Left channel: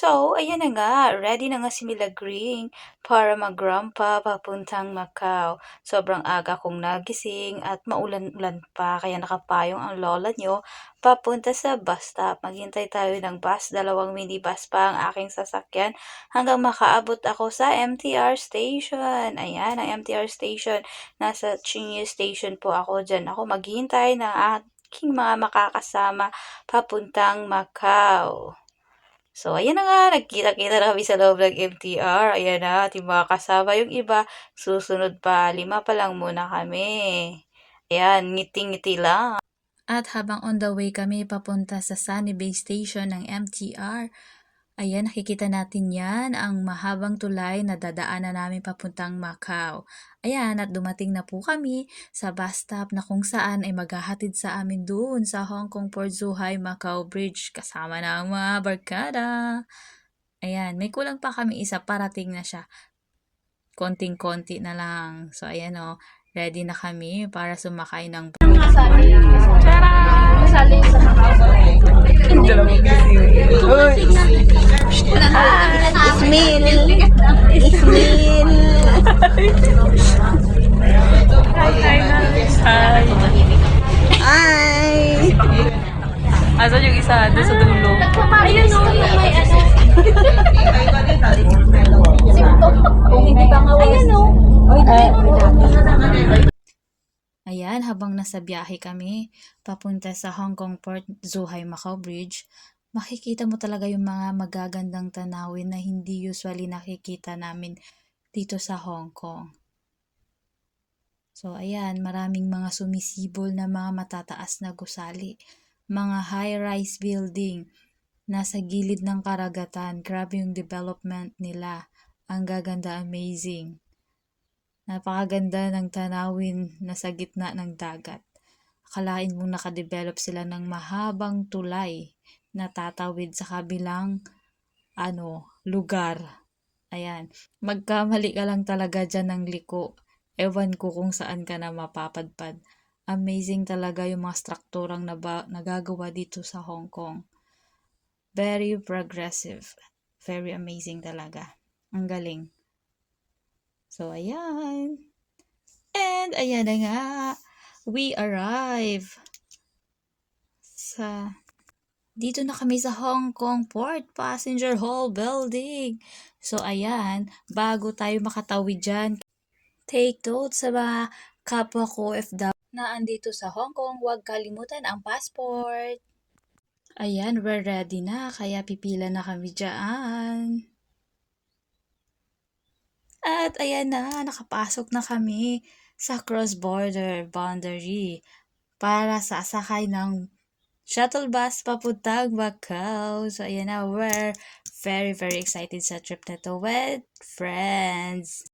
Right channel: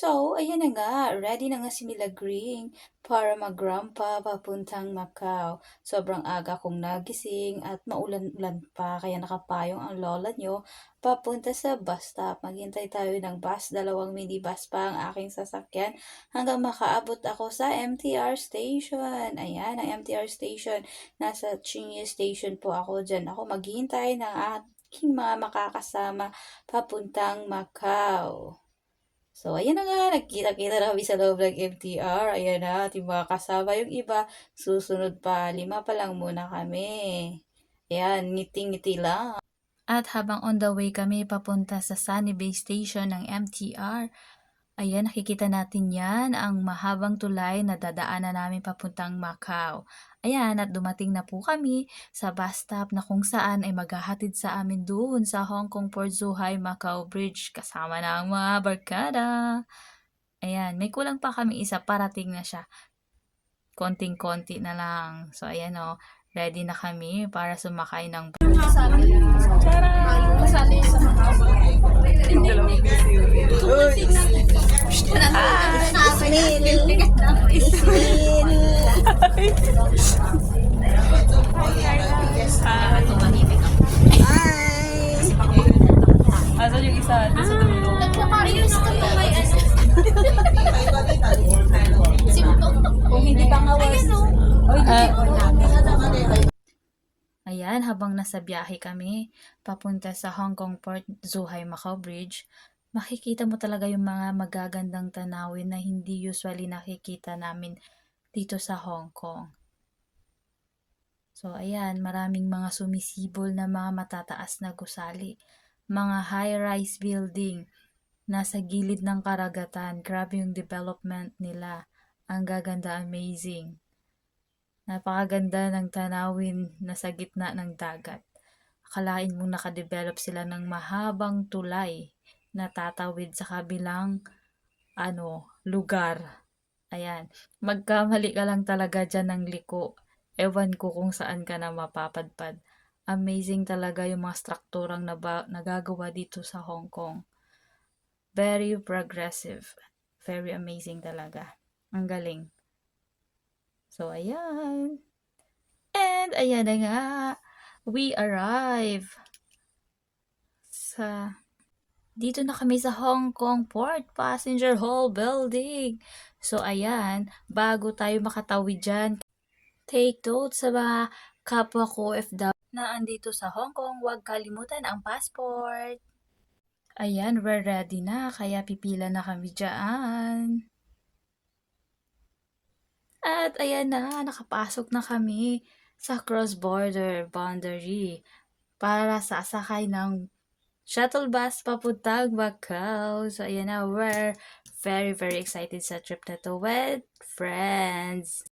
So, ayan na nga, ready na nga si Mila Green para mag-rampa papuntang Macau. Sobrang aga kong nagising at maulan-ulan pa kaya nakapayong ang lola nyo papunta sa bus stop. Maghintay tayo ng bus, dalawang minibus pa ang aking sasakyan hanggang makaabot ako sa MTR station. Ayan, ang MTR station. Nasa Chingy station po ako. Diyan ako maghihintay ng aking mga makakasama papuntang Macau. So, ayan na nga, nagkita-kita na kami sa loob ng MTR. Ayan na, ating mga kasama yung iba. Susunod pa, 5 pa lang muna kami. Ayan, ngiti-ngiti lang. At habang on the way kami papunta sa Sunny Bay Station ng MTR, ayan, nakikita natin yan, ang mahabang tulay na dadaanan namin papuntang Macau. Ayan, at dumating na po kami sa bus stop na kung saan ay maghahatid sa amin doon sa Hong Kong Port Zhuhai Macau Bridge kasama na ang mga barkada. Ayan, may kulang pa kami isa, parating na siya. Konting-konti na lang. So, ayan o, ready na kami para sumakay ng Asan yung isa? Doon sa dulo. Ayun o, yung may ano. Simto. Kung hindi ka ngawas. Ayun o. Ayan, habang nasa biyahe kami, papunta sa Hong Kong Port Zhuhai Macau Bridge, makikita mo talaga yung mga magagandang tanawin na hindi usually nakikita namin dito sa Hong Kong. So, ayan, maraming mga sumisibol na mga matataas na gusali, mga high-rise building, nasa gilid ng karagatan. Grabe yung development nila. Ang gaganda, amazing. Napakaganda ng tanawin na sa gitna ng dagat. Akalain mong nakadevelop sila ng mahabang tulay na tatawid sa kabilang lugar. Ayan, magkamali ka lang talaga dyan ng liko. Ewan ko kung saan ka na mapapadpad. Amazing talaga yung mga strukturang nagagawa dito sa Hong Kong. Very progressive. Very amazing talaga. Ang galing. So, ayan. And, ayan na nga. We arrive dito na kami sa Hong Kong Port Passenger Hall Building. So, ayan. Bago tayo makatawid dyan, take note sa mga kapwa ko OFW na andito sa Hong Kong. Huwag kalimutan ang passport. Ayan, we're ready na. Kaya pipila na kami dyan. At ayan na, nakapasok na kami sa cross-border boundary para sasakay ng shuttle bus papuntang Macau. So ayan na, we're very excited sa trip na to with friends.